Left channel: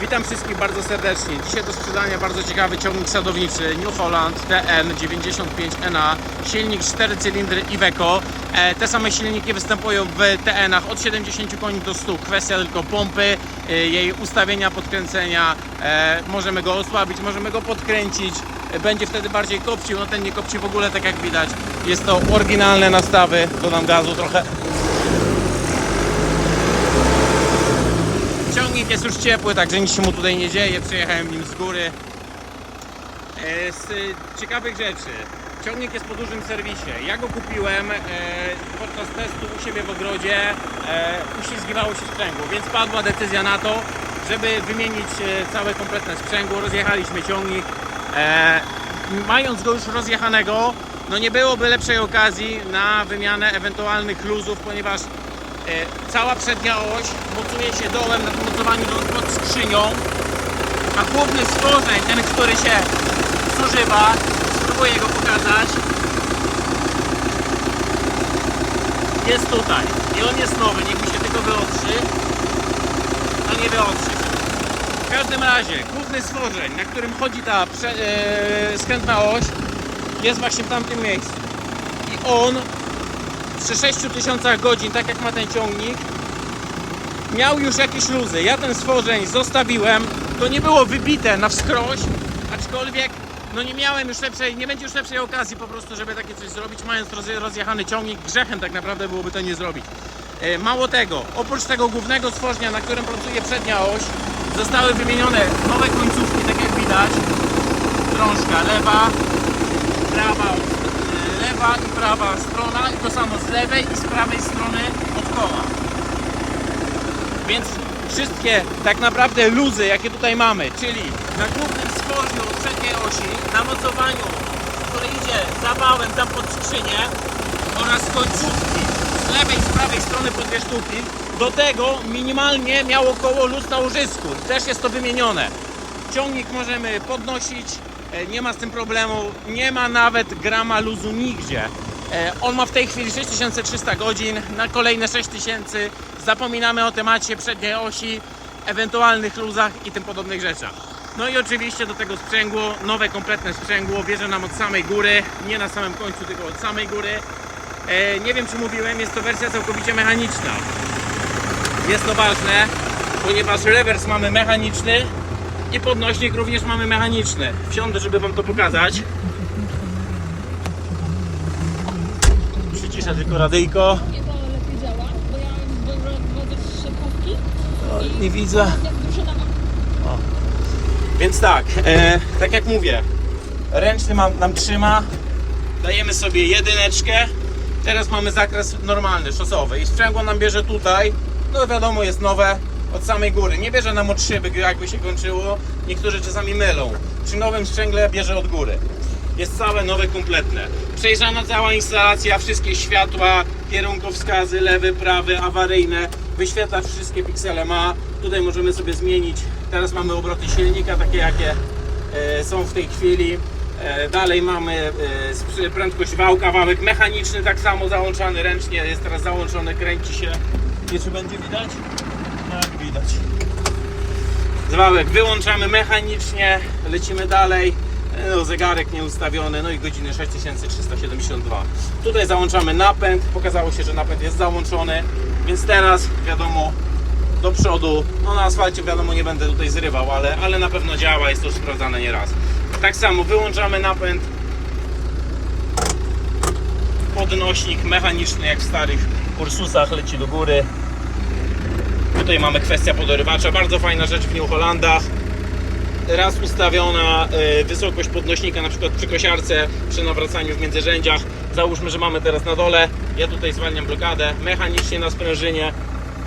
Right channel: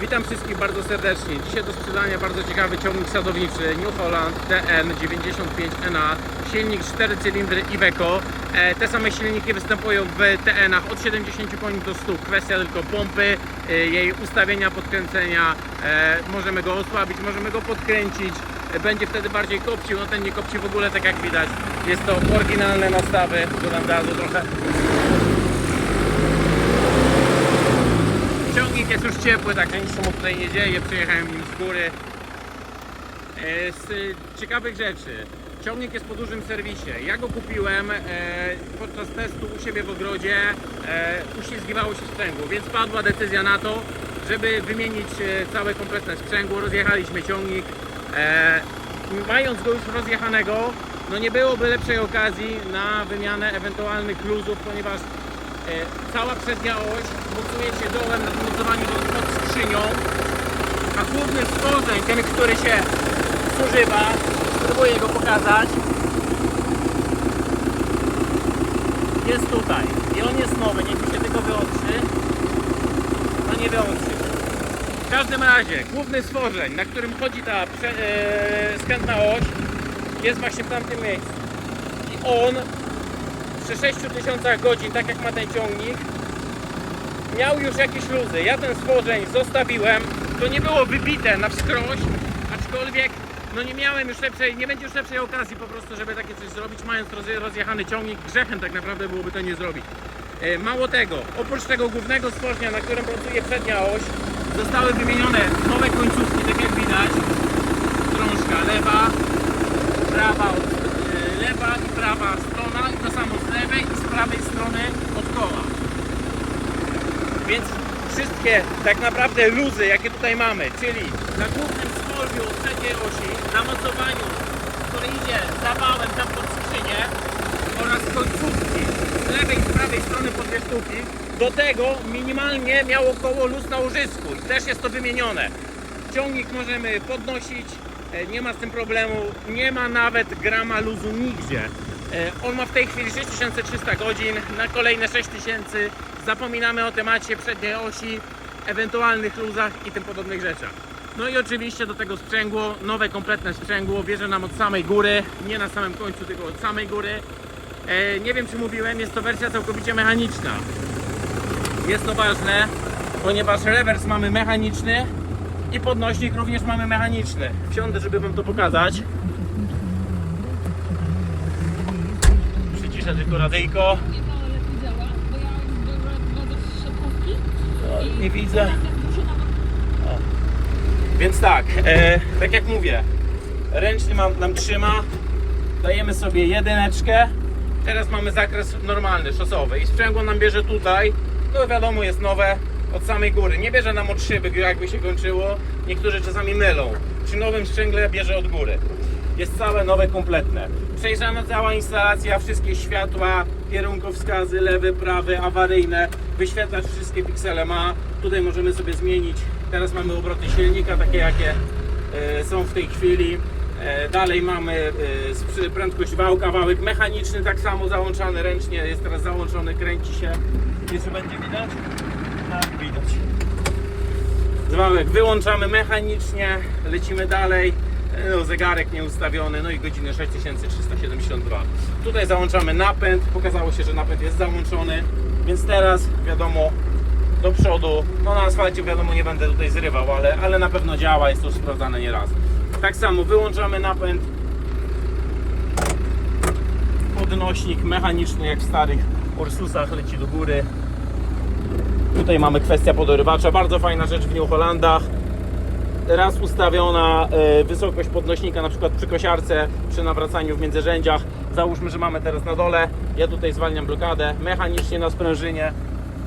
Witam wszystkich bardzo serdecznie. Dzisiaj do sprzedania bardzo ciekawy ciągnik sadowniczy New Holland TN95NA, silnik 4 cylindry Iveco. E, te same silniki występują w TN-ach od 70 koni do 100. Kwestia tylko pompy, e, jej ustawienia, podkręcenia. E, możemy go osłabić, możemy go podkręcić. Będzie wtedy bardziej kopcił, no ten nie kopci w ogóle tak jak widać. Jest to oryginalne nastawy, dodam gazu trochę. Ciągnik jest już ciepły, także nic mu tutaj nie dzieje. Przejechałem nim z góry. E, Z y, ciekawych rzeczy. Ciągnik jest po dużym serwisie. Ja go kupiłem e, podczas testu u siebie w ogrodzie. E, uślizgiwało się sprzęgło, więc padła decyzja na to, żeby wymienić e, całe kompletne sprzęgło. Rozjechaliśmy ciągnik. E, mając go już rozjechanego, no nie byłoby lepszej okazji na wymianę ewentualnych luzów, ponieważ E, Cała przednia oś mocuje się dołem na mocowaniu pod skrzynią, a główny stworzeń, ten, który się zużywa, spróbuję go pokazać, jest tutaj. I on jest nowy, niech mi się tylko wyotrzy. No nie wyotrzy się. W każdym razie, główny stworzeń, na którym chodzi ta prze, yy, skrętna oś, jest właśnie w tamtym miejscu. I on przy 6000 godzin, tak jak ma ten ciągnik, miał już jakieś luzy. Ja ten stworzeń zostawiłem. To nie było wybite na wskroś, aczkolwiek no nie miałem już lepszej, nie będzie już lepszej okazji po prostu, żeby takie coś zrobić, mając rozje- rozjechany ciągnik. Grzechem tak naprawdę byłoby to nie zrobić. E, Mało tego, oprócz tego głównego stworzenia, na którym pracuje przednia oś, zostały wymienione nowe końcówki, tak jak widać. Drążka lewa, prawa, y, lewa i prawa strona i to samo z lewej i z prawej strony od koła. Więc tak naprawdę luzy, jakie tutaj mamy, czyli na głównym stworzu przedniej osi, na mocowaniu, który idzie za wałem, za pod skrzynię oraz końcówki z lewej i z prawej strony po dwie sztuki, do tego minimalnie miało koło luz na łożysku i też jest to wymienione. Ciągnik możemy podnosić, e, nie ma z tym problemu, nie ma nawet grama luzu nigdzie. E, On ma w tej chwili 6300 godzin, na kolejne 6000 zapominamy o temacie przedniej osi, ewentualnych luzach i tym podobnych rzeczach. No i oczywiście do tego sprzęgło, nowe kompletne sprzęgło, bierze nam od samej góry, nie na samym końcu, tylko od samej góry. E, Nie wiem czy mówiłem, jest to wersja całkowicie mechaniczna. Jest to ważne, ponieważ rewers mamy mechaniczny i podnośnik również mamy mechaniczny. Wsiądę, żeby Wam to pokazać. Przyciszę tylko radyjko. Nie to lepiej działa, bo ja wodzę szybkówki i Nie widzę. Więc tak, e, tak jak mówię, ręczny nam, nam trzyma, dajemy sobie jedyneczkę, teraz mamy zakres normalny, szosowy. I sprzęgło nam bierze tutaj, no wiadomo jest nowe, od samej góry, nie bierze nam od szyby, jakby się kończyło, niektórzy czasami mylą, przy nowym sprzęgle bierze od góry. Jest całe nowe, kompletne. Przejrzana cała instalacja, wszystkie światła, kierunkowskazy, lewy, prawy, awaryjne, wyświetlacz wszystkie piksele ma. Tutaj możemy sobie zmienić. Teraz mamy obroty silnika, takie jakie e, są w tej chwili. E, dalej mamy e, prędkość wałka, wałek mechaniczny, tak samo załączany ręcznie, jest teraz załączony, kręci się. Wiesz, czy będzie widać? Tak, widać. Zwałek wyłączamy mechanicznie, lecimy dalej. No, zegarek nieustawiony, no i godziny 6372. Tutaj załączamy napęd, pokazało się, że napęd jest załączony, więc teraz wiadomo do przodu, no na asfalcie wiadomo nie będę tutaj zrywał, ale, ale na pewno działa, jest to sprawdzane nieraz. Tak samo wyłączamy napęd, podnośnik mechaniczny jak w starych Ursusach leci do góry. Tutaj mamy kwestia podorywacza, bardzo fajna rzecz w New Hollandach. Raz ustawiona e, wysokość podnośnika, na przykład przy kosiarce, przy nawracaniu w międzyrzędziach. Załóżmy, że mamy teraz na dole, ja tutaj zwalniam blokadę, mechanicznie na sprężynie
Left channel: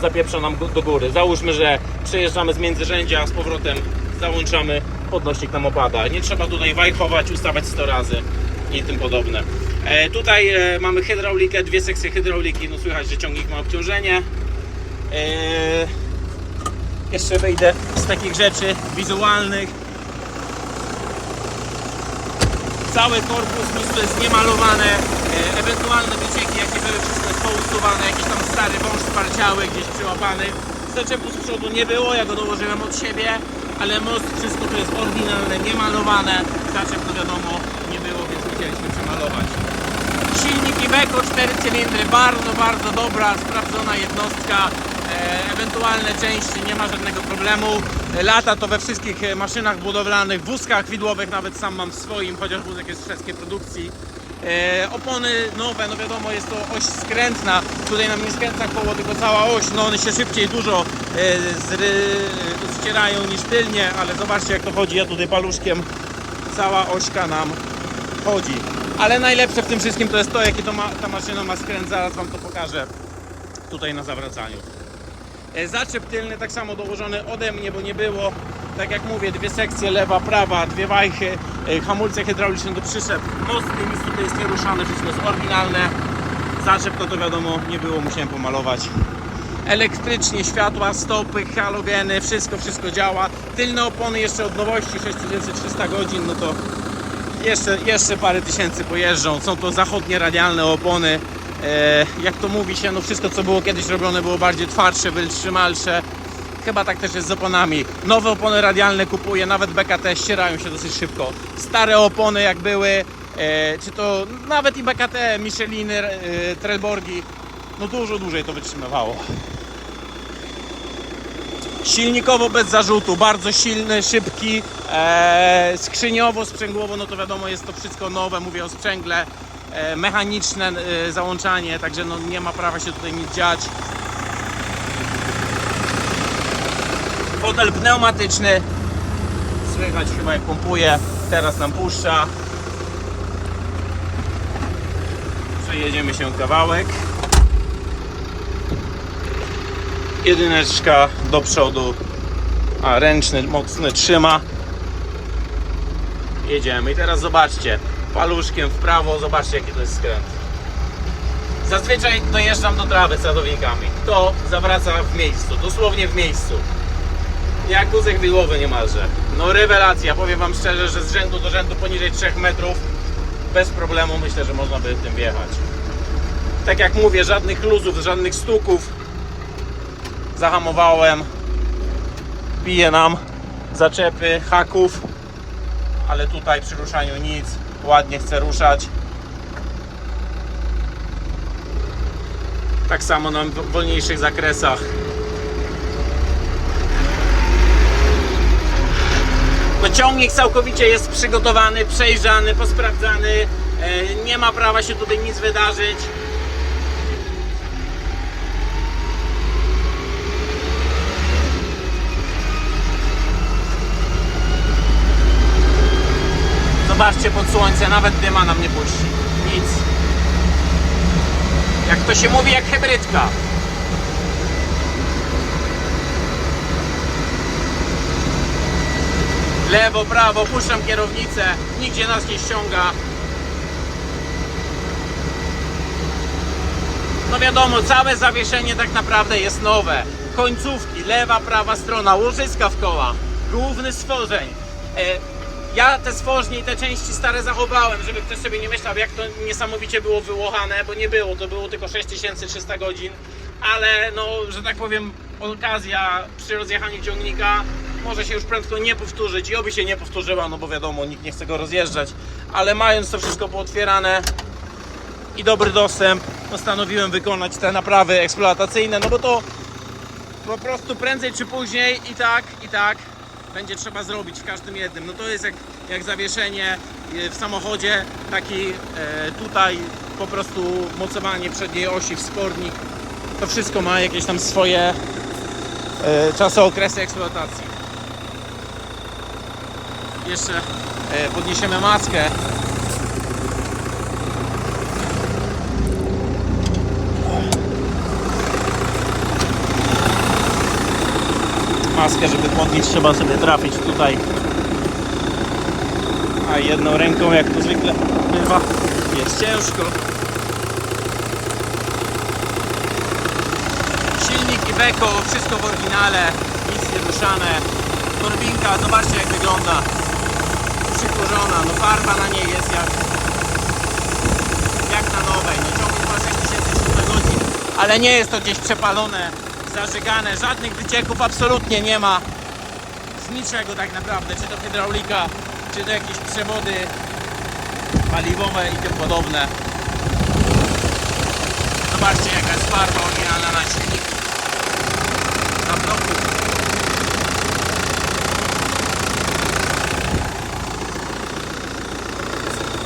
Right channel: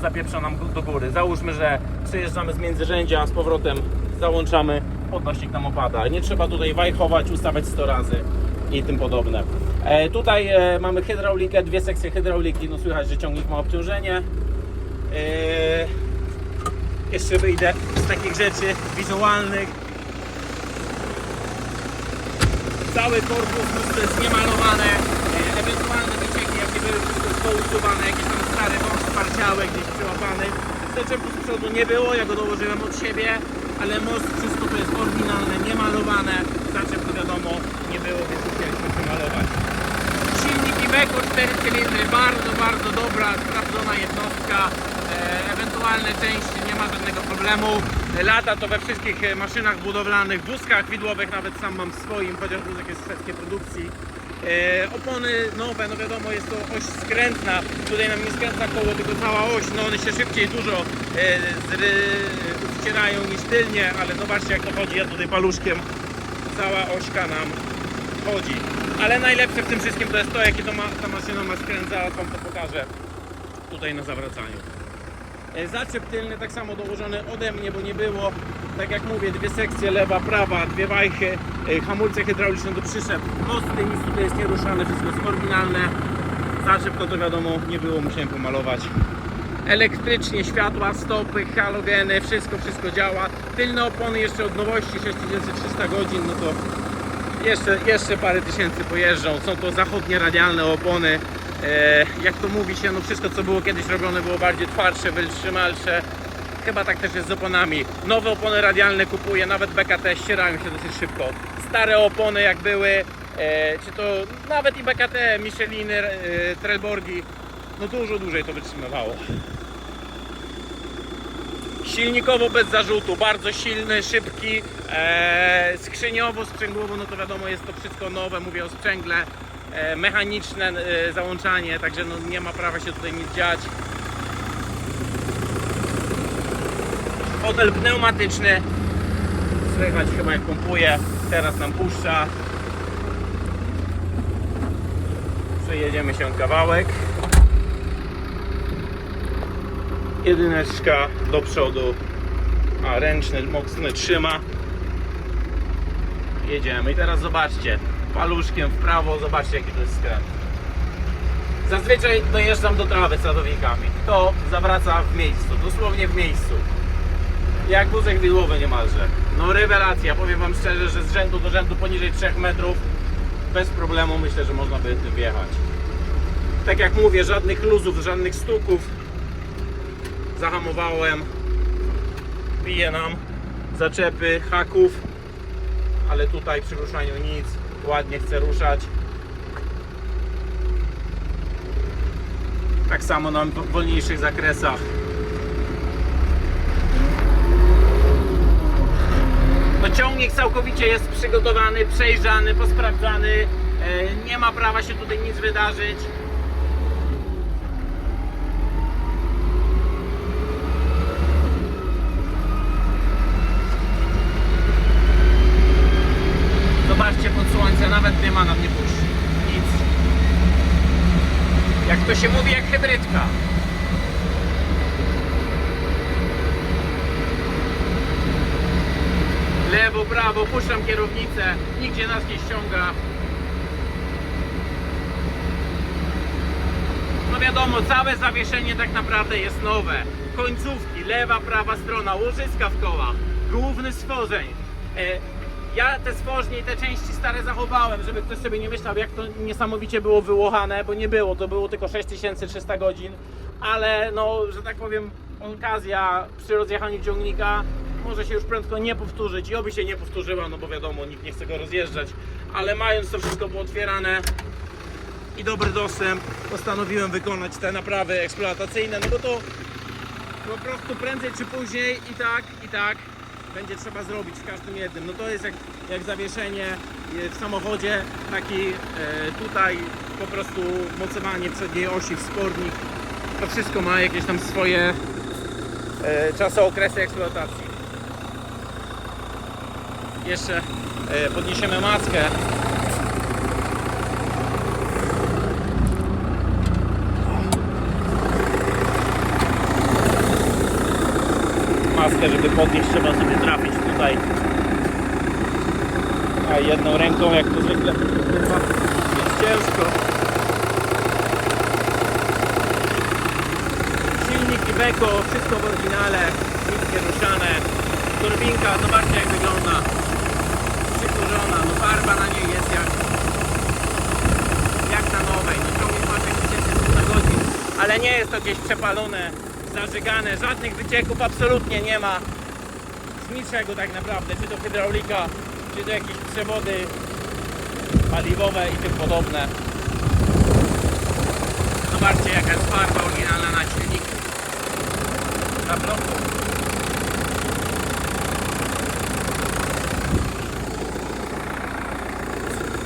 zapieprza nam do góry. Załóżmy, że przejeżdżamy z międzyrzędzia, z powrotem załączamy, podnośnik nam opada. Nie trzeba tutaj wajchować, ustawiać 100 razy i tym podobne. E, tutaj e, mamy hydraulikę, dwie sekcje hydrauliki, no słychać, że ciągnik ma obciążenie. Eee, jeszcze wyjdę z takich rzeczy wizualnych. Cały korpus lustro jest niemalowane. E, ewentualne wycieki, jakie były, wszystko jest pousuwane. Jakiś tam stary wąż sparciały, gdzieś przyłapany. Zaczepu z przodu nie było, ja go dołożyłem od siebie, ale most, wszystko to jest oryginalne, niemalowane. Zaczep, no wiadomo, nie było, więc musieliśmy przemalować. Silnik Iveco 4 cylindry, bardzo, bardzo dobra, sprawdzona jednostka. E, ewentualne części, nie ma żadnego problemu. Lata to we wszystkich e, maszynach budowlanych, wózkach widłowych, nawet sam mam w swoim, chociaż wózek jest z szwedzkiej produkcji. E, opony nowe, no wiadomo, jest to oś skrętna. Tutaj nam nie skręca koło, tylko cała oś. No one się szybciej dużo zry, zcierają niż tylnie, ale zobaczcie jak to chodzi. Ja tutaj paluszkiem cała ośka nam chodzi. Ale najlepsze w tym wszystkim to jest to, jaki to ma, ta maszyna ma skręt. Zaraz Wam to pokażę tutaj na zawracaniu. E, Zaczep tylny tak samo dołożony ode mnie, bo nie było. Tak jak mówię, dwie sekcje, lewa, prawa, dwie wajchy, e, hamulce hydrauliczne do przyszep, mosty, nic tutaj jest nieruszane, wszystko jest oryginalne. Zaczep to, to wiadomo nie było, musiałem pomalować. Elektrycznie, światła, stopy, halogeny, wszystko, wszystko działa. Tylne opony jeszcze od nowości, 6300 godzin, no to jeszcze, jeszcze parę tysięcy pojeżdżą. Są to zachodnie radialne opony. E, jak to mówi się, no wszystko co było kiedyś robione było bardziej twardsze, wytrzymalsze. Chyba tak też jest z oponami. Nowe opony radialne kupuję, nawet BKT ścierają się dosyć szybko. Stare opony jak były, e, czy to nawet i BKT, Micheliny, e, Trelborgi, no dużo dłużej to wytrzymywało. Silnikowo bez zarzutu, bardzo silny, szybki, skrzyniowo, sprzęgłowo, no to wiadomo jest to wszystko nowe, mówię o sprzęgle, mechaniczne e, załączanie, także no nie ma prawa się tutaj nic dziać. Fotel pneumatyczny, słychać chyba jak pompuje, teraz nam puszcza. Przejedziemy się kawałek. jedyneczka do przodu, a ręczny mocny trzyma. Jedziemy i teraz zobaczcie, paluszkiem w prawo, zobaczcie jaki to jest skręt. Zazwyczaj dojeżdżam do trawy sadownikami. To zawraca w miejscu, dosłownie w miejscu. Jak wózek widłowy niemalże. No rewelacja, powiem wam szczerze, że z rzędu do rzędu poniżej 3 metrów bez problemu myślę, że można by tym wjechać. Tak jak mówię, żadnych luzów, żadnych stuków, zahamowałem bije nam zaczepy haków ale tutaj przy ruszaniu nic ładnie chce ruszać. Tak samo na wolniejszych zakresach. No ciągnik całkowicie jest przygotowany, przejrzany, posprawdzany. E, nie ma prawa się tutaj nic wydarzyć Zobaczcie pod słońce, nawet dyma nam nie puści. Nic. Jak to się mówi, jak hybrydka. Lewo, prawo, puszczam kierownicę, nigdzie nas nie ściąga. No wiadomo, całe zawieszenie tak naprawdę jest nowe. Końcówki, lewa, prawa strona, łożyska w kołach, główny stworzeń. E, ja te stworznie i te części stare zachowałem, żeby ktoś sobie nie myślał, jak to niesamowicie było wyłochane, bo nie było, to było tylko 6300 godzin, ale no, że tak powiem, okazja przy rozjechaniu ciągnika może się już prędko nie powtórzyć i oby się nie powtórzyła, no bo wiadomo, nikt nie chce go rozjeżdżać, ale mając to wszystko pootwierane i dobry dostęp, postanowiłem wykonać te naprawy eksploatacyjne, no bo to po prostu prędzej czy później i tak, i tak będzie trzeba zrobić w każdym jednym. No to jest jak, jak zawieszenie e, w samochodzie, taki e, tutaj po prostu mocowanie przedniej osi, wspornik. To wszystko ma jakieś tam swoje e, czasookresy eksploatacji. Jeszcze podniesiemy maskę. Maskę, żeby podnieść, trzeba sobie trafić tutaj. A jedną ręką, jak to zwykle bywa, jest ciężko. Silnik Iveco, wszystko w oryginale, nic nie. Turbinka, zobaczcie jak wygląda. Przykurzona, no farba na niej jest jak, jak na nowej. No ciągnik ma 6300 godzin, ale nie jest to gdzieś przepalone zażygane, żadnych wycieków absolutnie nie ma. Z niczego tak naprawdę, czy to hydraulika, czy to jakieś przewody paliwowe i tym podobne. Zobaczcie jaka jest farba oryginalna na silniku. Na bloku.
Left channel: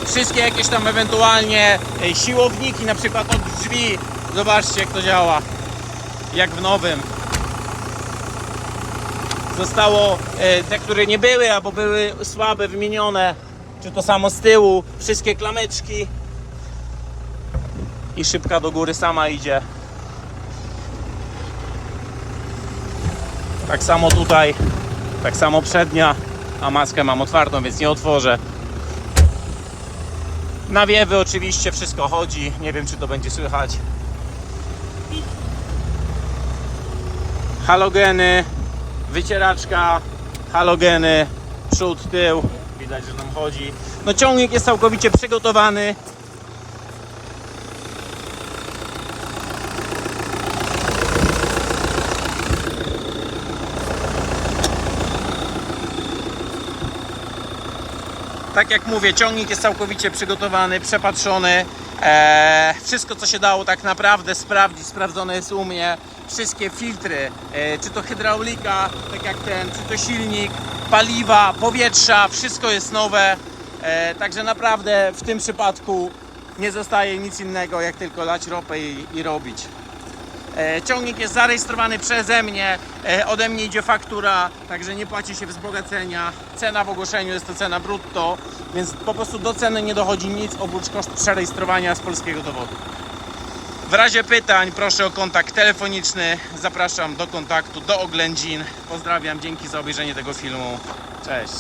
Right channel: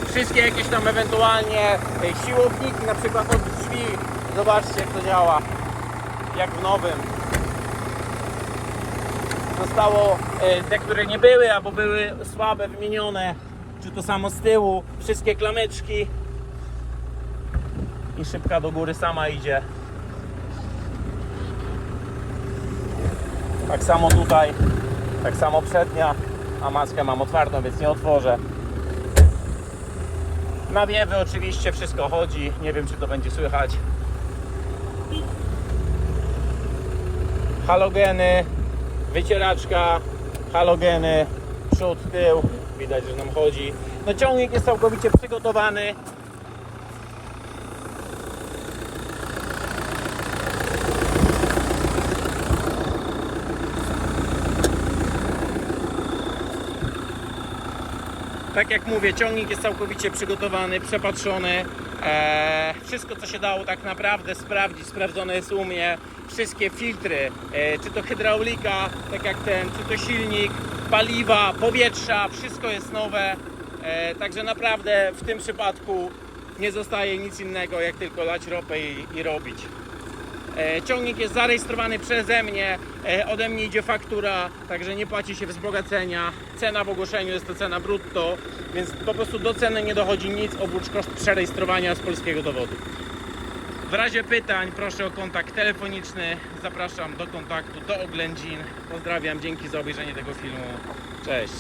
Wszystkie jakieś tam ewentualnie e, siłowniki, na przykład od drzwi. Zobaczcie jak to działa. Jak w nowym. Zostało e, te, które nie były, albo były słabe, wymienione. Czy to samo z tyłu. Wszystkie klameczki. I szybka do góry sama idzie. Tak samo tutaj. Tak samo przednia. A maskę mam otwartą, więc nie otworzę. Nawiewy oczywiście wszystko chodzi. Nie wiem czy to będzie słychać. Halogeny, wycieraczka, halogeny, przód, tył. Widać, że nam chodzi. No ciągnik jest całkowicie przygotowany. Tak jak mówię, ciągnik jest całkowicie przygotowany, przepatrzony. Eee, wszystko co się dało tak naprawdę sprawdzić, sprawdzone jest u mnie. Wszystkie filtry, e, czy to hydraulika, tak jak ten, czy to silnik, paliwa, powietrza, wszystko jest nowe. E, także naprawdę w tym przypadku nie zostaje nic innego jak tylko lać ropę i, i robić. E, Ciągnik jest zarejestrowany przeze mnie, ode mnie idzie faktura, także nie płaci się wzbogacenia. Cena w ogłoszeniu jest to cena brutto, więc po prostu do ceny nie dochodzi nic oprócz koszt przerejestrowania z polskiego dowodu. W razie pytań proszę o kontakt telefoniczny. Zapraszam do kontaktu do oględzin. Pozdrawiam, dzięki za obejrzenie tego filmu. Cześć.